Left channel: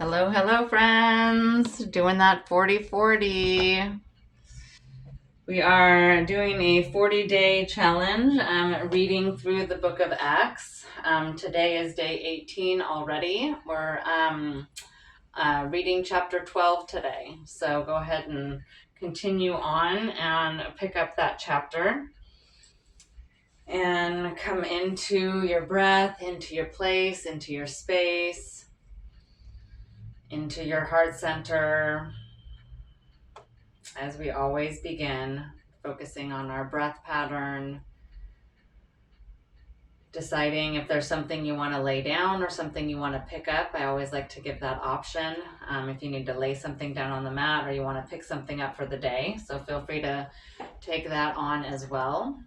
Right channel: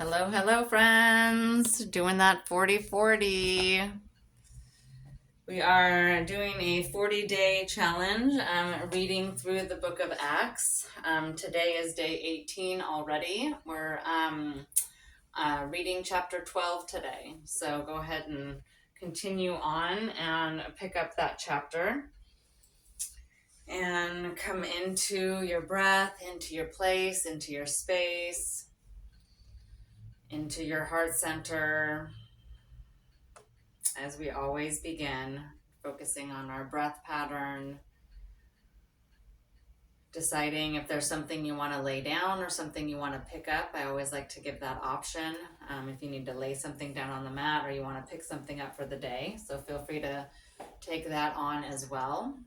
Hello, hello, friends. Doing that 40-40. We are doing a 40-day challenge, reading through the book of Acts. Today is day 18 already. We're reading chapter 12 today. So go ahead and continue on and pick up that chapter. And come into your breath, into your place, into your space, into your heart center. As we always begin, focusing on our breath pattern, deciding if there's something you want to lay down or something you want to pick up. I always like to give that option if you need to lay something down on the mat or you want to pick something up for the day. So feel free to take that on as well.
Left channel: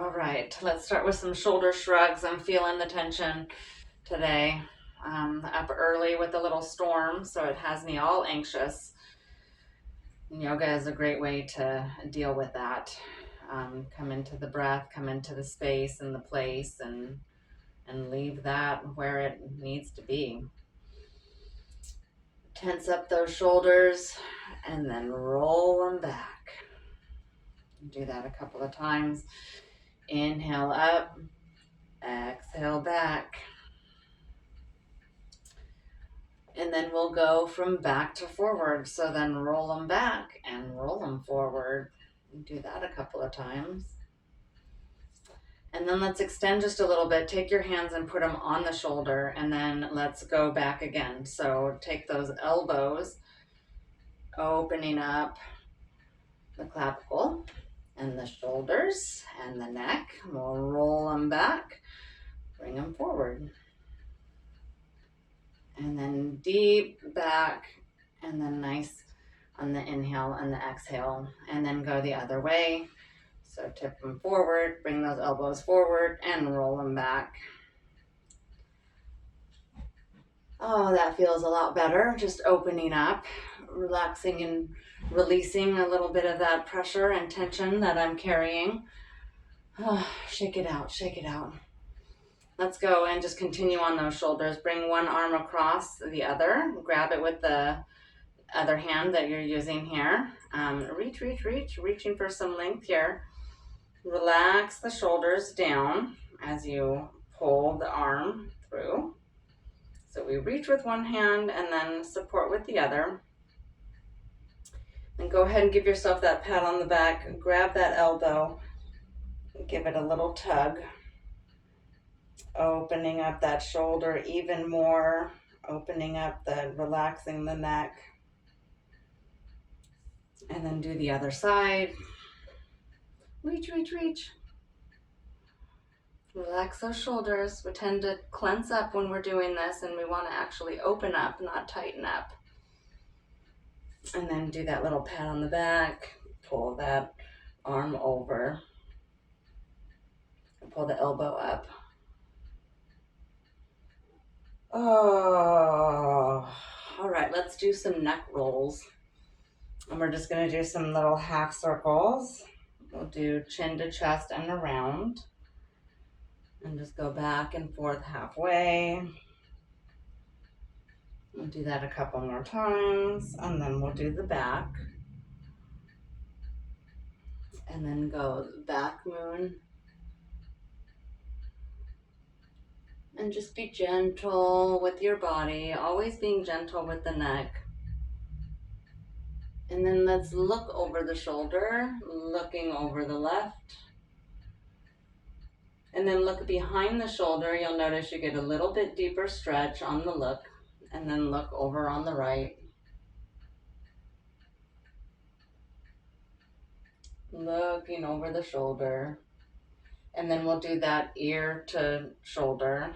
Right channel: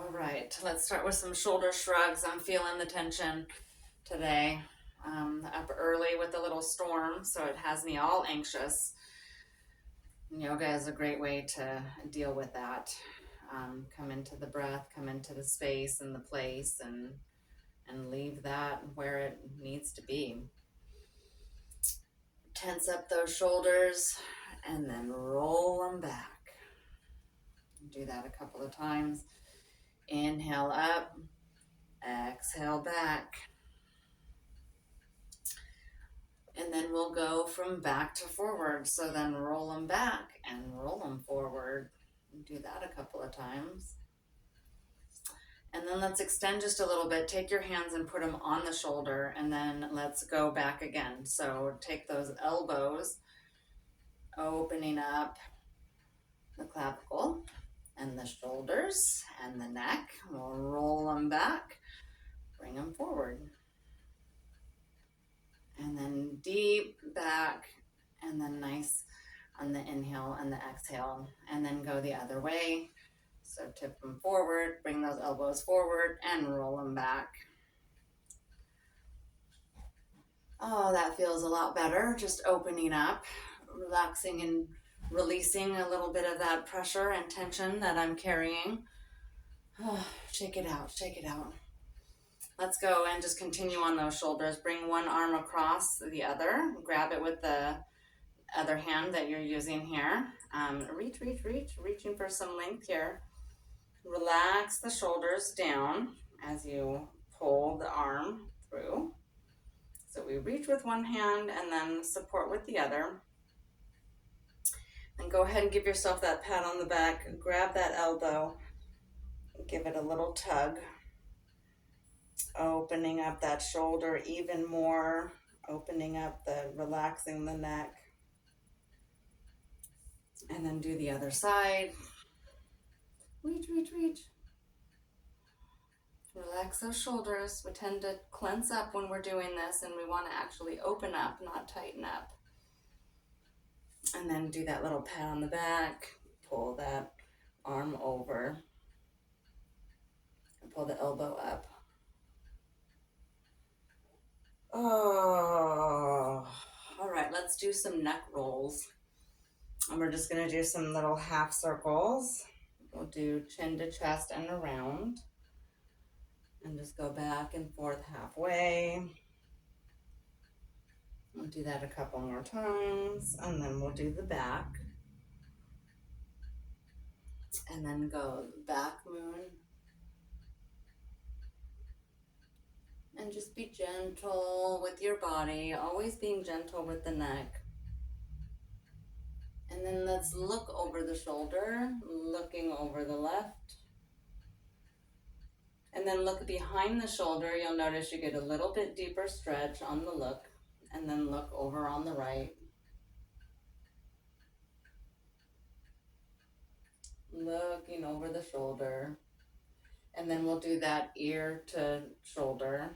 All right, let's start with some shoulder shrugs. I'm feeling the tension today. Up early with a little storm, so it has me all anxious. Yoga is a great way to deal with that. Come into the breath, come into the space and the place, and leave that where it needs to be. Tense up those shoulders and then roll them back. Do that a couple of times. Inhale up, exhale back. And then we'll go from back to forward. So then roll them back and roll them forward. Do that a couple of times. And then let's extend just a little bit. Take your hands and put them on the shoulder, and then let's go back again. So take those elbows, opening up the clavicle and the shoulders and the neck. We'll roll them back, bring them forward. And then deep back, and then nice on the inhale and the exhale, and then go the other way. So tip them forward, bring those elbows forward, and roll them back. Oh, that feels a lot better. Just opening up, relaxing and releasing a little bit of that pressure and tension that I'm carrying. Oh, shake it out, shake it out. Let's go and just continue on those shoulders. Bring one arm across the other. Grab it with the other hand that you're using here. Reaching for some length here. Relax the shoulders down as you pull the arm through. So we reach with one hand and then support with the other. And go ahead and give yourself that pat on the back. Grab that elbow. Give it a little tug. Opening up that shoulder even more, relaxing the neck. And then do the other side. Reach. Relax those shoulders. We tend to clench up when we're doing this, and we want to actually open up, not tighten up. And then do that little pat on the back. Pull that arm over. And pull the elbow up. Oh, all right, let's do some neck rolls. And we're just gonna do some little half circles. We'll do chin to chest and around. And just go back and forth halfway. We'll do that a couple more times, and then we'll do the back. And then go back moon. And just be gentle with your body, always being gentle with the neck. And then let's look over the shoulder, looking over the left. And then look behind the shoulder. You'll notice you get a little bit deeper stretch on the look. And then look over on the right. Looking over the shoulder. And then we'll do that ear to shoulder.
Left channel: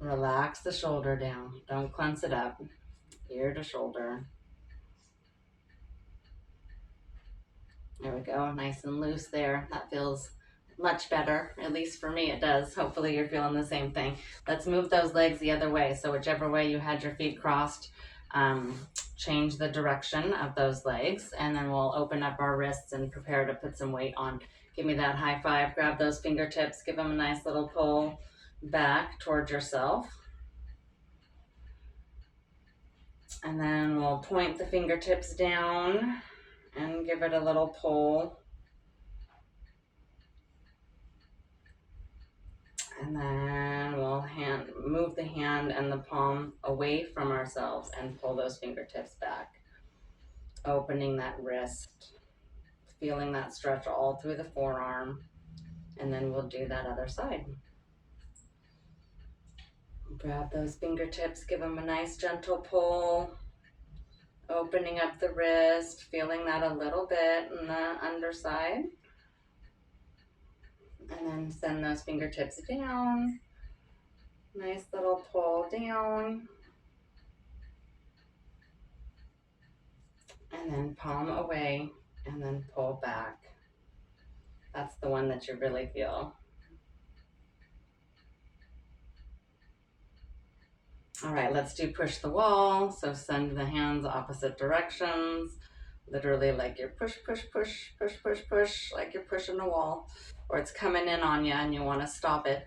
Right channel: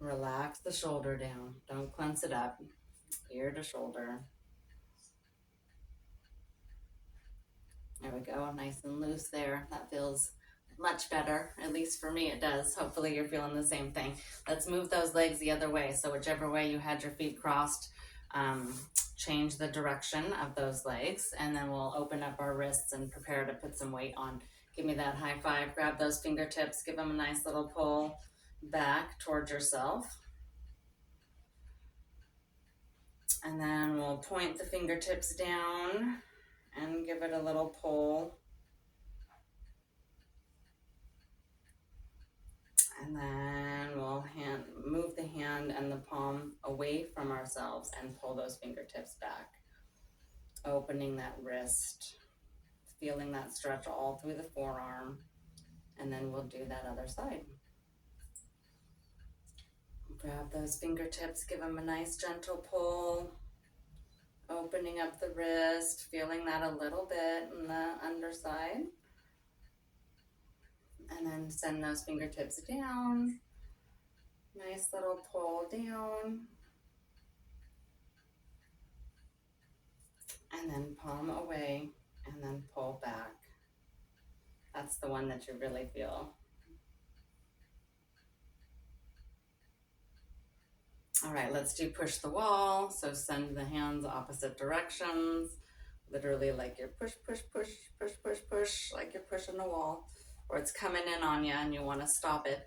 Relax the shoulder down. Don't clench it up. Ear to shoulder. There we go. Nice and loose there. That feels much better. At least for me it does. Hopefully you're feeling the same thing. Let's move those legs the other way. So whichever way you had your feet crossed, change the direction of those legs, and then we'll open up our wrists and prepare to put some weight on. Give me that high five. Grab those fingertips. Give them a nice little pull back towards yourself. And then we'll point the fingertips down and give it a little pull. And then we'll move the hand and the palm away from ourselves and pull those fingertips back. Opening that wrist, feeling that stretch all through the forearm. And then we'll do that other side. Grab those fingertips, give them a nice gentle pull. Opening up the wrist, feeling that a little bit in the underside. And then send those fingertips down. Nice little pull down. And then palm away and then pull back. That's the one that you really feel. All right, let's do push the wall. So send the hands opposite directions. Literally like you're push, push, push, push, push, push, like you're pushing a wall. Or it's coming in on you and you want to stop it.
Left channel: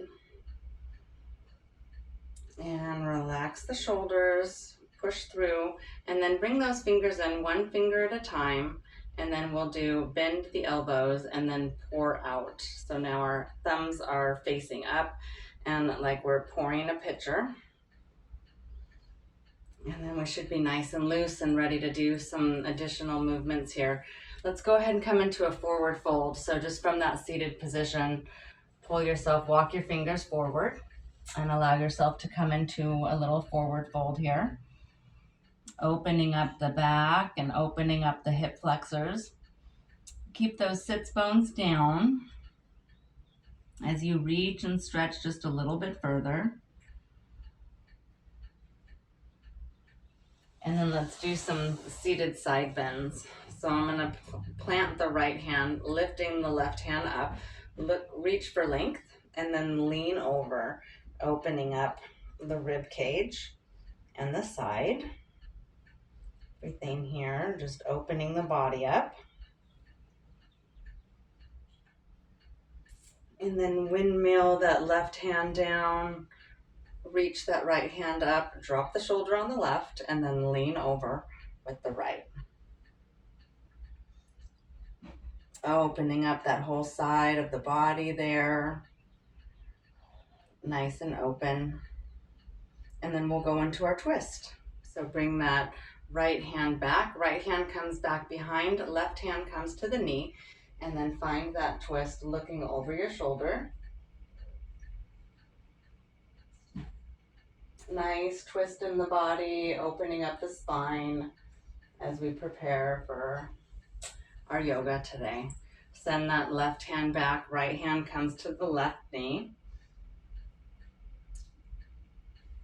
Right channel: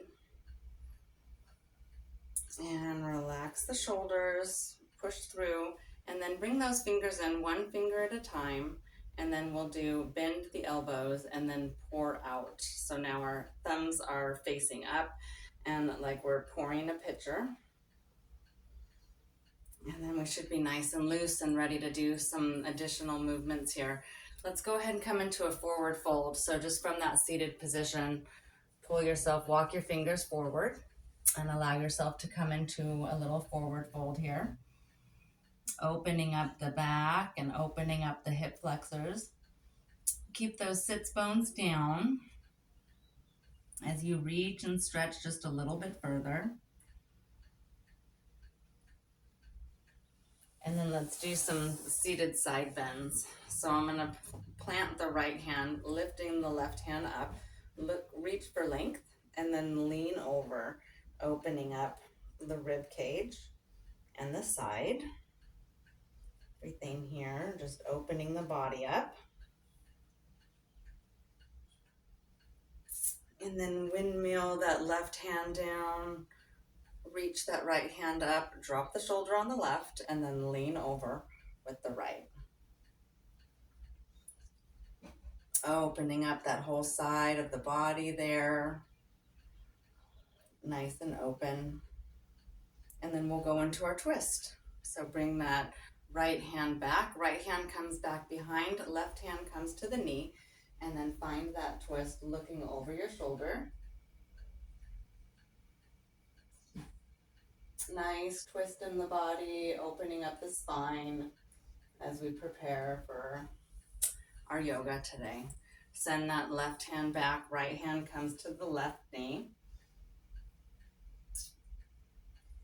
And relax the shoulders, push through, and then bring those fingers in one finger at a time. And then we'll do bend the elbows and then pour out. So now our thumbs are facing up and like we're pouring a pitcher. And then we should be nice and loose and ready to do some additional movements here. Let's go ahead and come into a forward fold. So just from that seated position, pull yourself, walk your fingers forward and allow yourself to come into a little forward fold here. Opening up the back and opening up the hip flexors. Keep those sits bones down as you reach and stretch just a little bit further. And then let's do some seated side bends. So I'm going to plant the right hand, lifting the left hand up, reach for length, and then lean over, opening up the rib cage and the side. Everything here, just opening the body up. And then windmill that left hand down, reach that right hand up, drop the shoulder on the left, and then lean over with the right. Opening up that whole side of the body there, nice and open. And then we'll go into our twist. So bring that right hand back, right hand comes back behind, left hand comes to the knee, and then find that twist looking over your shoulder. Nice twist in the body, opening up the spine as we prepare for our yoga today. Send that left hand back, right hand comes to the left knee.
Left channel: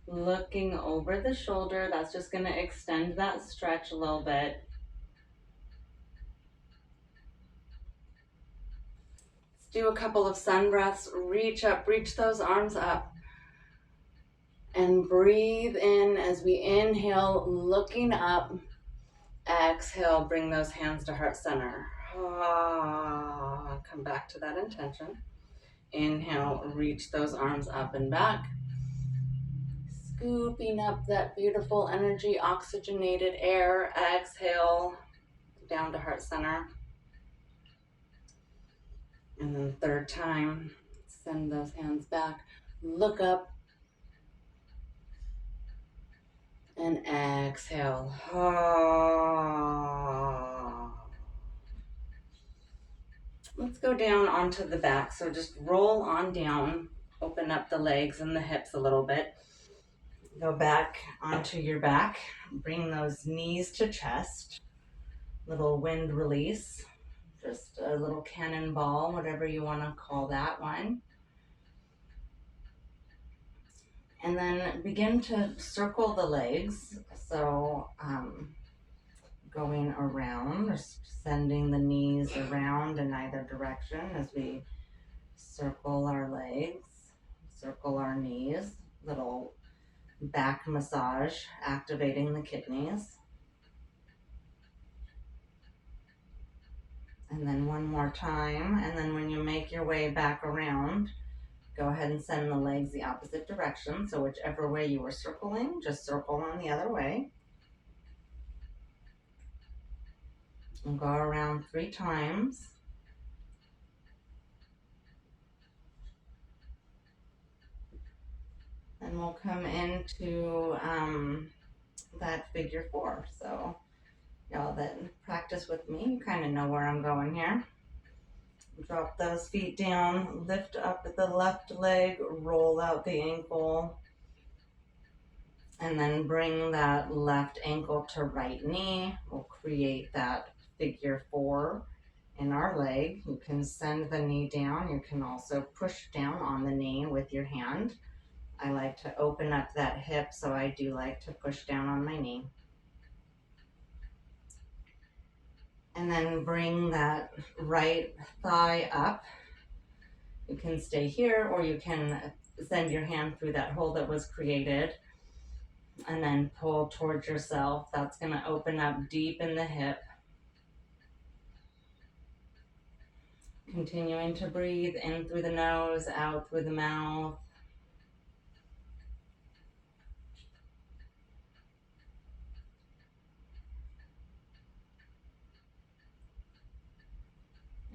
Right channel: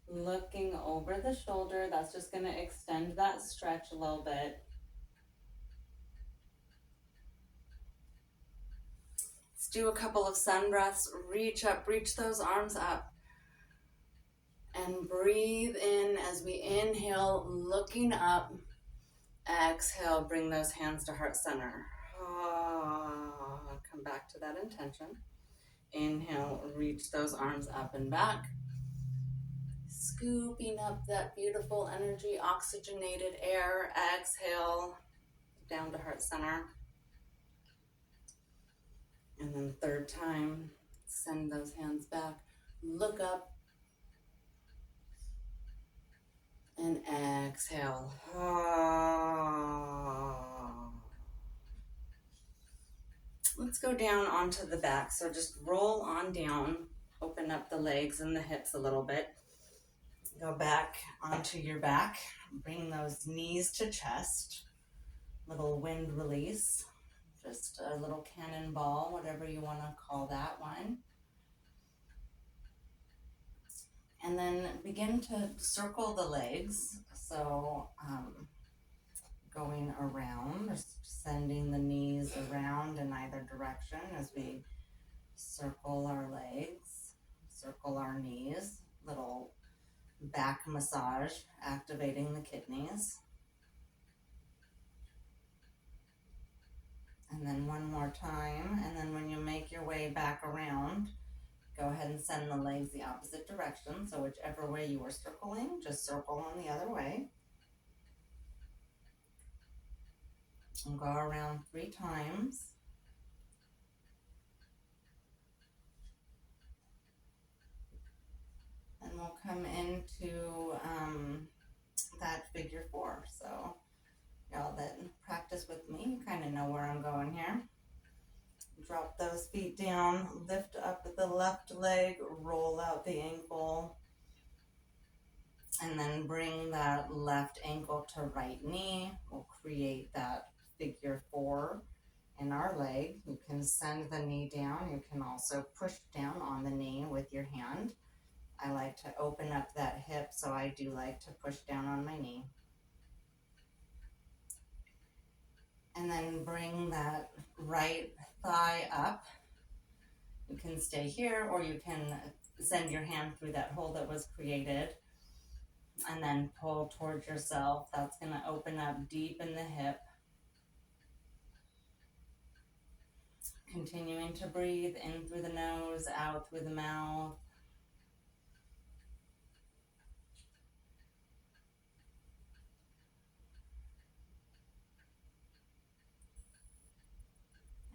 Looking over the shoulder, that's just going to extend that stretch a little bit. Let's do a couple of sun breaths. Reach up, reach those arms up. And breathe in as we inhale, looking up. Exhale, bring those hands to heart center. Come back to that intention. Inhale, reach those arms up and back. Scooping up that beautiful energy, oxygenated air. Exhale, down to heart center. And then third time, send those hands back. Look up. And exhale. Let's go down onto the back. So just roll on down. Open up the legs and the hips a little bit. Go back onto your back. Bring those knees to chest. Little wind release. Just a little cannonball, whatever you want to call that one. And then begin to circle the legs. So going around, or sending the knees around in either direction as we circle our legs, circle our knees, little back massage, activating the kidneys. And then one more time. And then when you make your way back around, go ahead and send the legs the opposite direction. So whichever way you were circling, just circle on the other way. And go around 3 times. And we'll come into that figure 4. So y'all that practice with me, you kind of know where I'm going here. Drop those feet down, lift up the left leg, roll out the ankle, and then bring that left ankle to right knee. We'll create that figure 4 in our leg. You can send the knee down. You can also push down on the knee with your hand. I like to open up that hip, so I do like to push down on my knee. And then bring that right thigh up. You can stay here, or you can send your hand through that hole that was created and then pull towards yourself. That's going to open up deep in the hip. Continuing to breathe in through the nose, out through the mouth.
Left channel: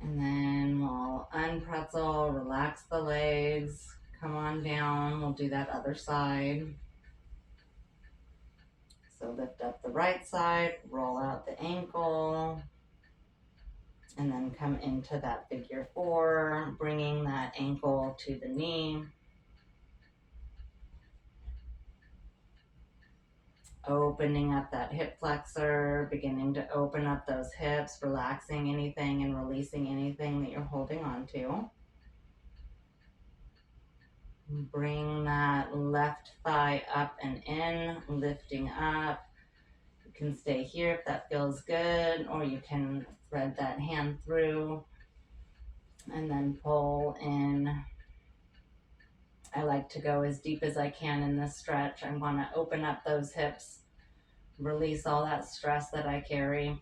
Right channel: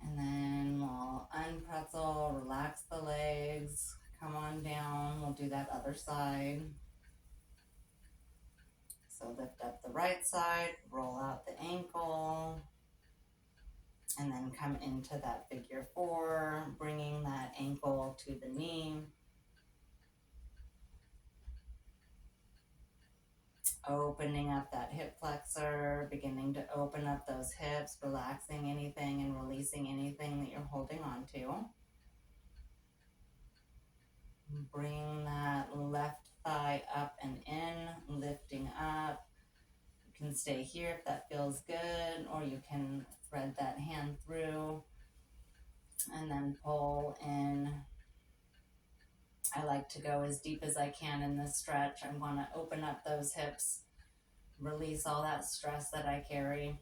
And then we'll unpretzel, relax the legs, come on down. We'll do that other side. So lift up the right side, roll out the ankle, and then come into that figure 4, bringing that ankle to the knee. Opening up that hip flexor, beginning to open up those hips, relaxing anything and releasing anything that you're holding on to. Bring that left thigh up and in, lifting up. You can stay here if that feels good, or you can thread that hand through and then pull in. I like to go as deep as I can in this stretch. I'm going to open up those hips, release all that stress that I carry.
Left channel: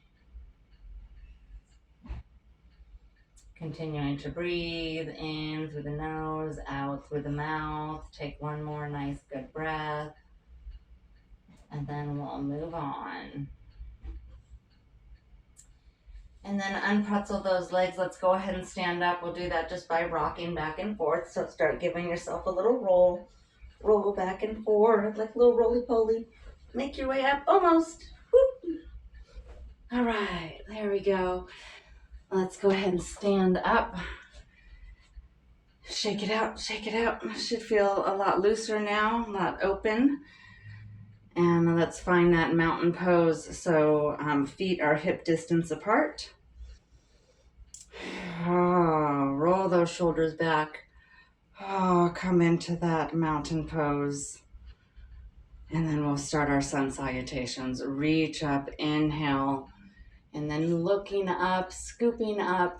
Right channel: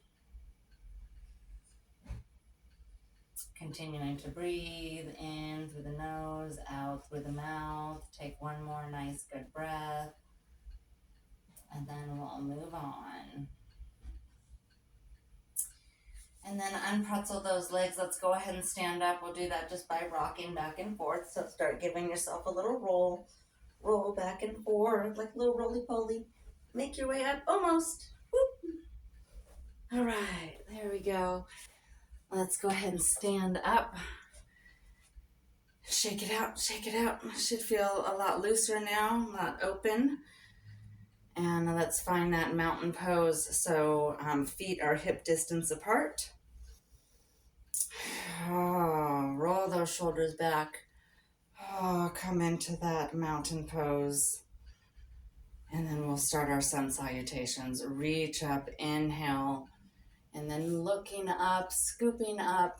Continuing to breathe in through the nose, out through the mouth. Take one more nice good breath, and then we'll move on. And then unpretzel those legs. Let's go ahead and stand up. We'll do that just by rocking back and forth. So start giving yourself a little roll. Roll back and forth like a little roly-poly. Make your way up, almost. Whoop. All right, there we go. Let's go ahead and stand up. Shake it out, shake it out. Should feel a lot looser now, a lot open. And let's find that mountain pose. So feet are hip distance apart. Roll those shoulders back. Come into that mountain pose. And then we'll start our sun salutations. Reach up, inhale, and then looking up, scooping up.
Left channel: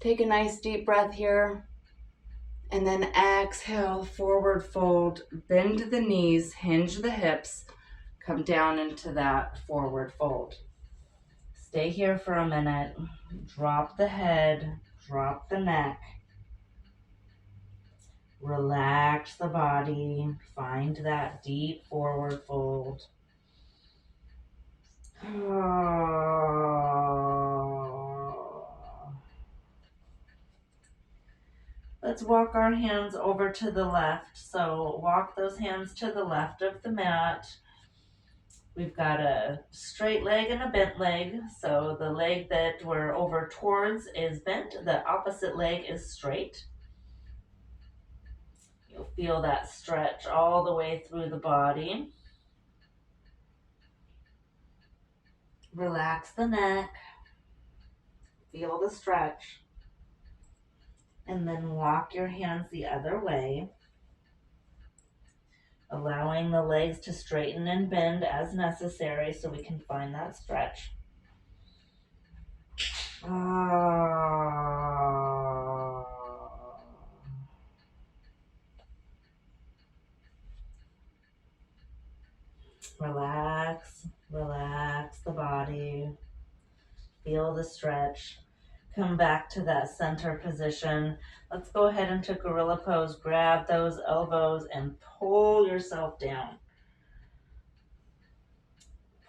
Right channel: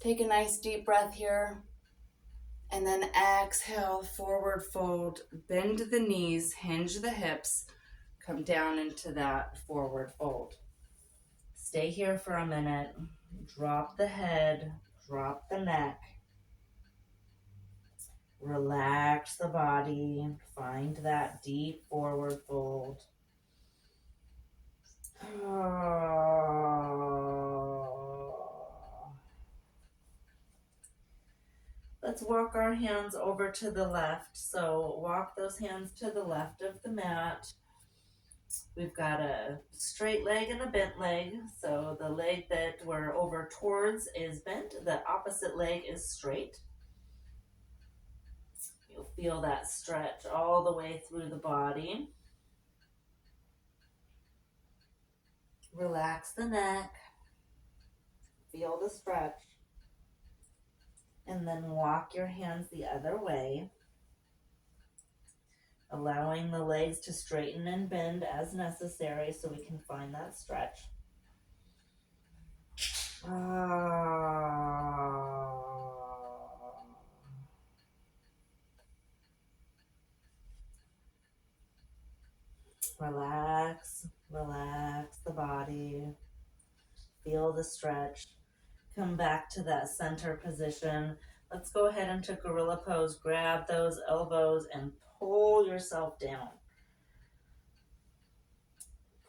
Take a nice deep breath here. And then exhale, forward fold, bend the knees, hinge the hips, come down into that forward fold. Stay here for a minute. Drop the head, drop the neck. Relax the body. Find that deep forward fold. Let's walk our hands over to the left. So walk those hands to the left of the mat. We've got a straight leg and a bent leg. So the leg that we're over towards is bent. The opposite leg is straight. You'll feel that stretch all the way through the body. Relax the neck. Feel the stretch. And then walk your hands the other way, allowing the legs to straighten and bend as necessary so we can find that stretch. Relax, relax the body. Feel the stretch. Come back to that center position. Let's go ahead into gorilla pose. Grab those elbows and pull yourself down.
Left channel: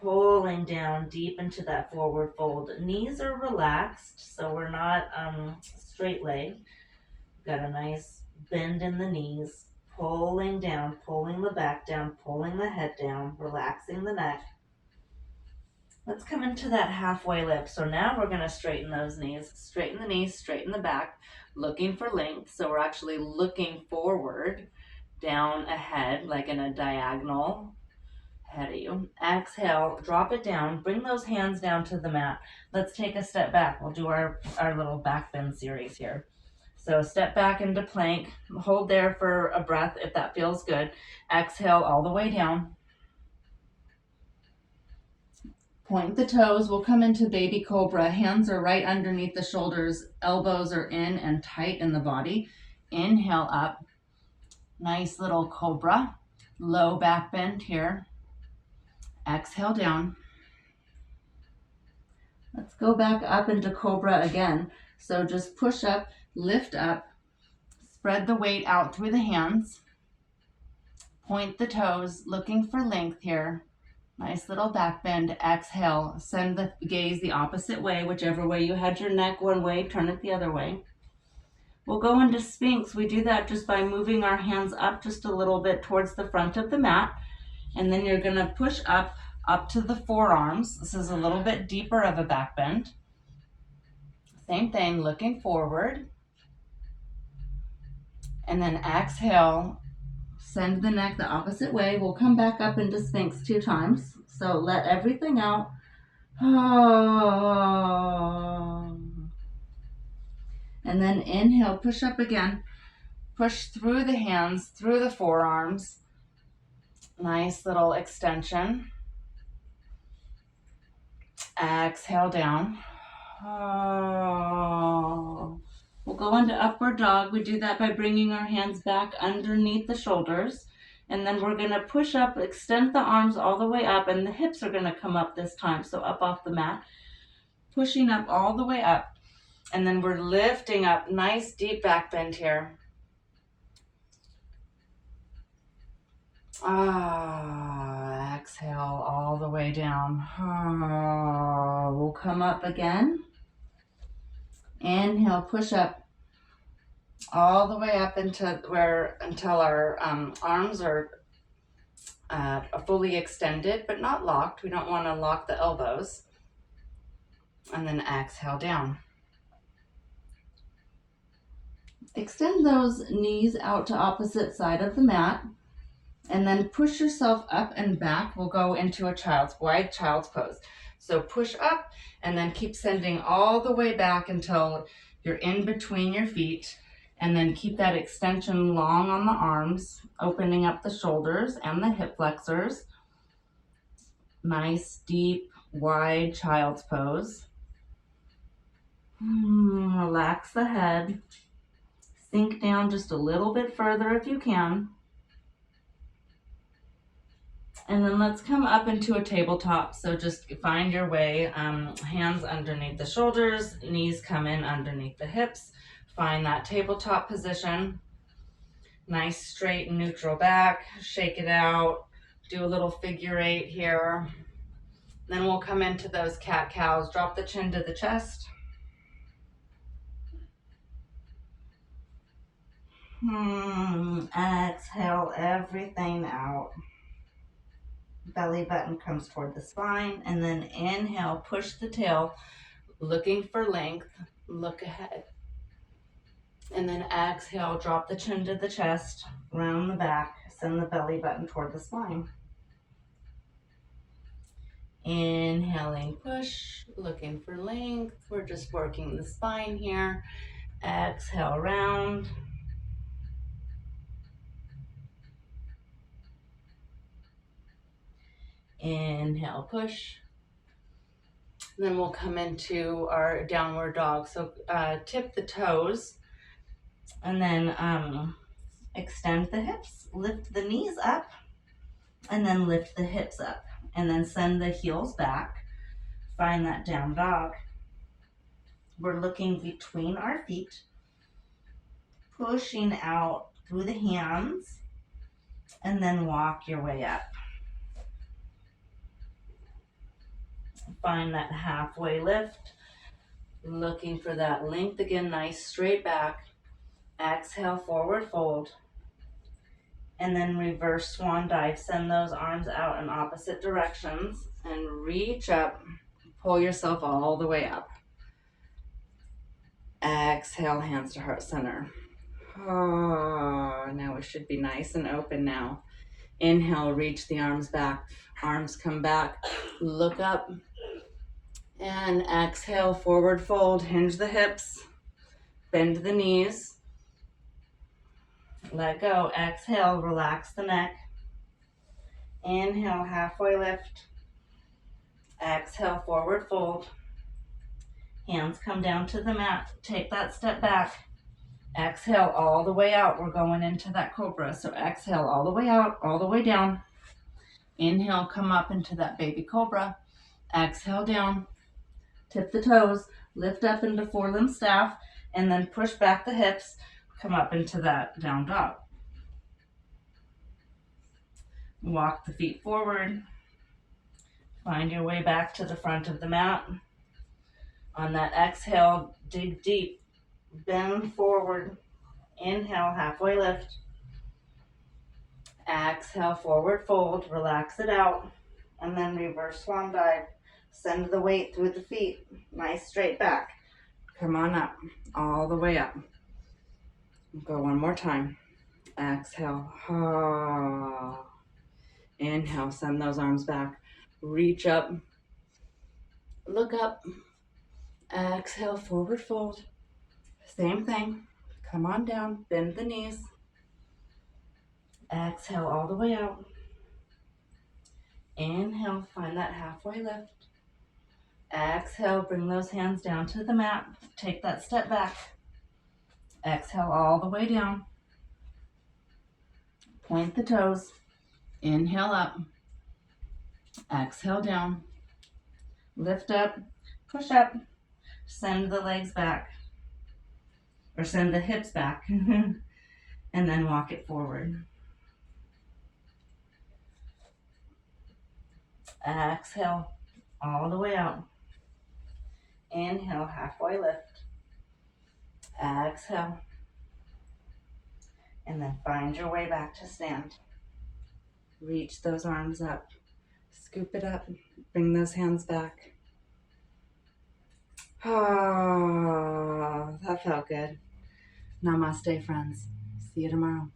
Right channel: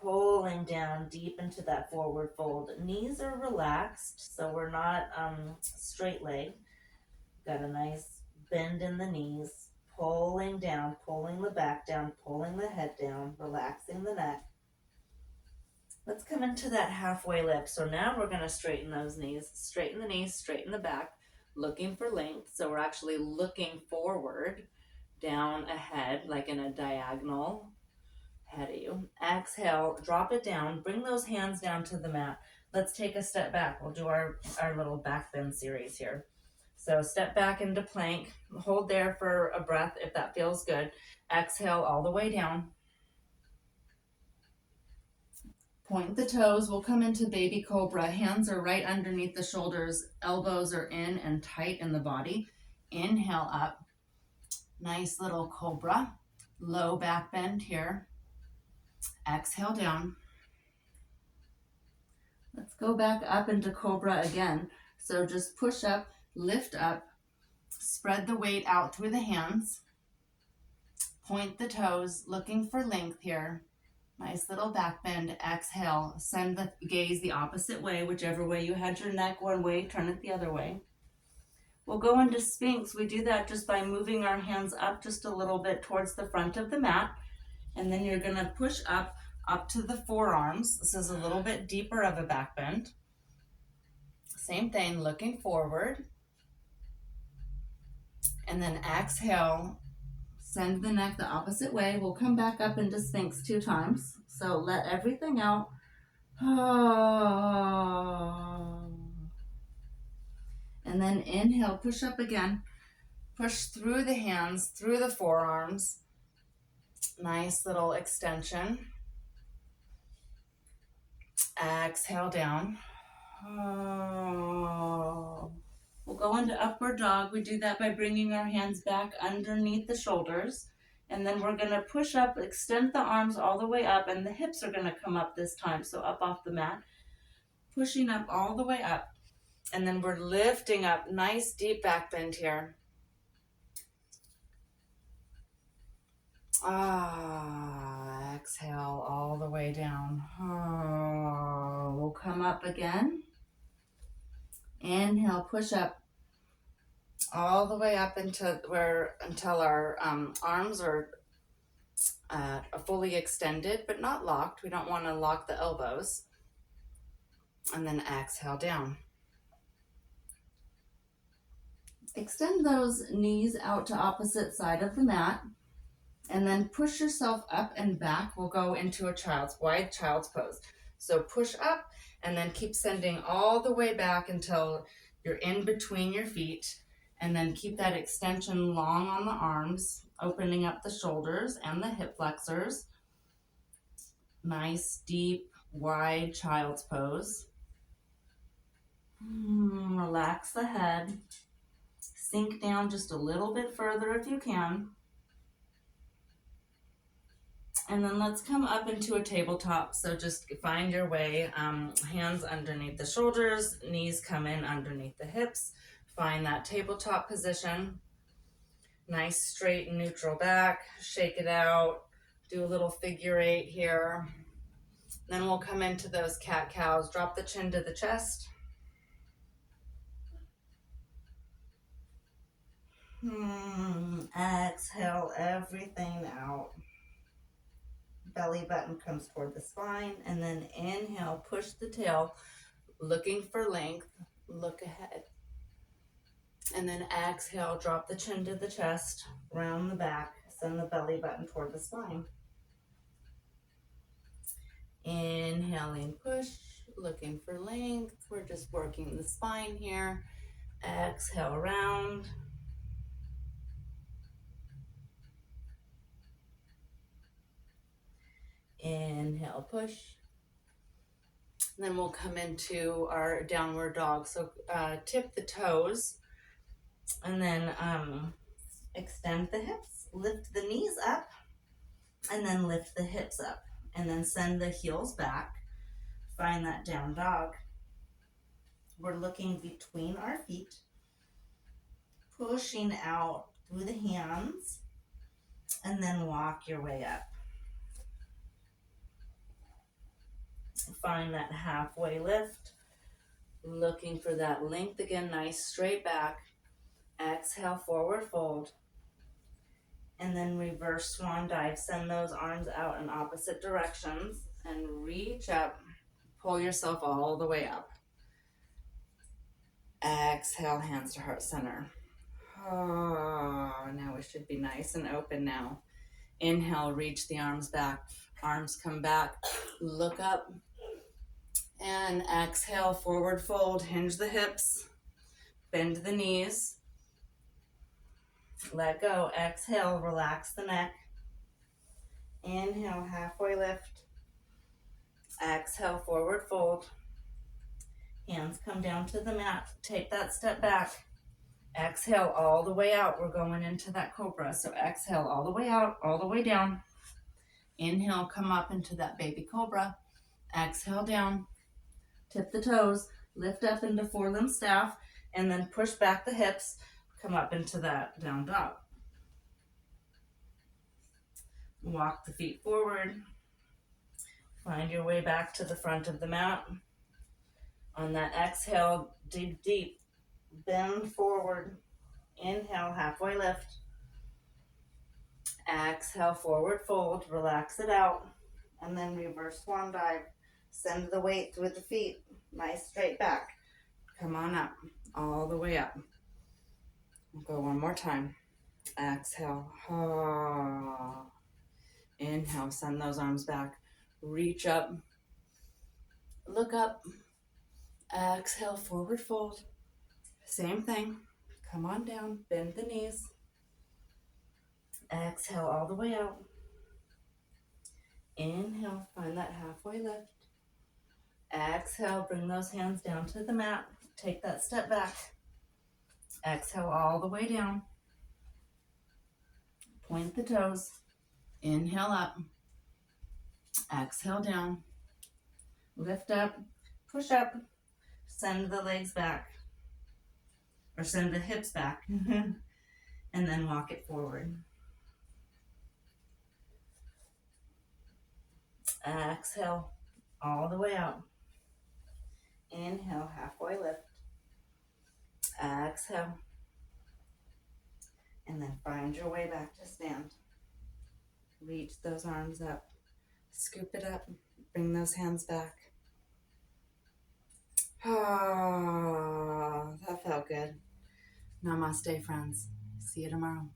Pulling down deep into that forward fold. Knees are relaxed, so we're not straight legged. Got a nice bend in the knees. Pulling down, pulling the back down, pulling the head down, relaxing the neck. Let's come into that halfway lift. So now we're going to straighten those knees. Straighten the knees, straighten the back, looking for length. So we're actually looking forward, down ahead, like in a diagonal ahead of you. Exhale, drop it down. Bring those hands down to the mat. Let's take a step back. We'll do our little back bend series here. So step back into plank. Hold there for a breath if that feels good. Exhale all the way down. Point the toes. We'll come into baby cobra. Hands are right underneath the shoulders. Elbows are in and tight in the body. Inhale up. Nice little cobra. Low back bend here. Exhale down. Let's go back up into cobra again. So just push up, lift up, spread the weight out through the hands. Point the toes, looking for length here. Nice little back bend. Exhale. Send the gaze the opposite way. Whichever way you had your neck one way, turn it the other way. We'll go into Sphinx. We do that just by moving our hands up just a little bit towards the front of the mat. And then you're going to push up to the forearms. This is a little bit deeper of a back bend. Same thing, looking forward. And then exhale. Send the neck the opposite way. We'll come back up into Sphinx 2 times. So let everything out. And then inhale, push up again. Push through the hands, through the forearms. Nice little extension. Exhale down. We'll go into upward dog. We do that by bringing our hands back underneath the shoulders. And then we're going to push up, extend the arms all the way up, and the hips are going to come up this time. So up off the mat, pushing up all the way up. And then we're lifting up, nice deep back bend here. Exhale all the way down. We'll come up again. Inhale, push up all the way up until our arms are fully extended, but not locked. We don't want to lock the elbows. And then exhale down. Extend those knees out to opposite side of the mat. And then push yourself up and back. We'll go into a wide child's pose. So push up and then keep sending all the way back until you're in between your feet. And then keep that extension long on the arms, opening up the shoulders and the hip flexors. Nice, deep, wide child's pose. Relax the head. Sink down just a little bit further if you can. And then let's come up into a tabletop. So just find your way, hands underneath the shoulders, knees come in underneath the hips. Find that tabletop position. Nice straight and neutral back. Shake it out. Do a little figure 8 here. Then we'll come into those cat-cows. Drop the chin to the chest. Exhale everything out. Belly button comes toward the spine, and then inhale, push the tail, looking for length, look ahead. And then exhale, drop the chin to the chest, round the back, send the belly button toward the spine. Inhaling, push, looking for length. We're just working the spine here. Exhale, round. Inhale, push. Then we'll come into our downward dog. So tip the toes and then extend the hips, lift the knees up, And then lift the hips up. And then send the heels back. Find that down dog. We're looking between our feet, pushing out through the hands, and then walk your way up. Find that halfway lift, looking for that length again, nice straight back. Exhale, forward fold, and then reverse swan dive. Send those arms out in opposite directions and reach up, pull yourself all the way up. Exhale, hands to heart center. Oh, now we should be nice and open now. Inhale, reach the arms back. Arms come back, look up, and exhale, forward fold. Hinge the hips, bend the knees. Let go. Exhale, relax the neck. Inhale, halfway lift. Exhale, forward fold. Hands come down to the mat. Take that step back. Exhale all the way out. We're going into that cobra. So exhale all the way out, all the way down. Inhale, come up into that baby cobra. Exhale down. Tip the toes. Lift up into forelimb staff. And then push back the hips. Come up into that down dog. Walk the feet forward. Find your way back to the front of the mat. On that exhale, dig deep. Bend forward. Inhale, halfway lift. Exhale, forward fold. Relax it out. And then reverse swan dive. Send the weight through the feet. Nice straight back. Come on up. All the way up. Go one more time. Exhale. Inhale, send those arms back. Reach up. Look up. Exhale, forward fold. Same thing. Come on down. Bend the knees. Exhale all the way out. Inhale, find that halfway lift. Exhale, bring those hands down to the mat. Take that step back. Exhale all the way down. Point the toes. Inhale up. Exhale down. Lift up. Push up. Send the legs back. Or send the hips back. And then walk it forward. Exhale all the way out. Inhale, halfway lift. Exhale. And then find your way back to stand. Reach those arms up. Scoop it up. Bring those hands back. Ah, that felt good. Namaste, friends. See you tomorrow.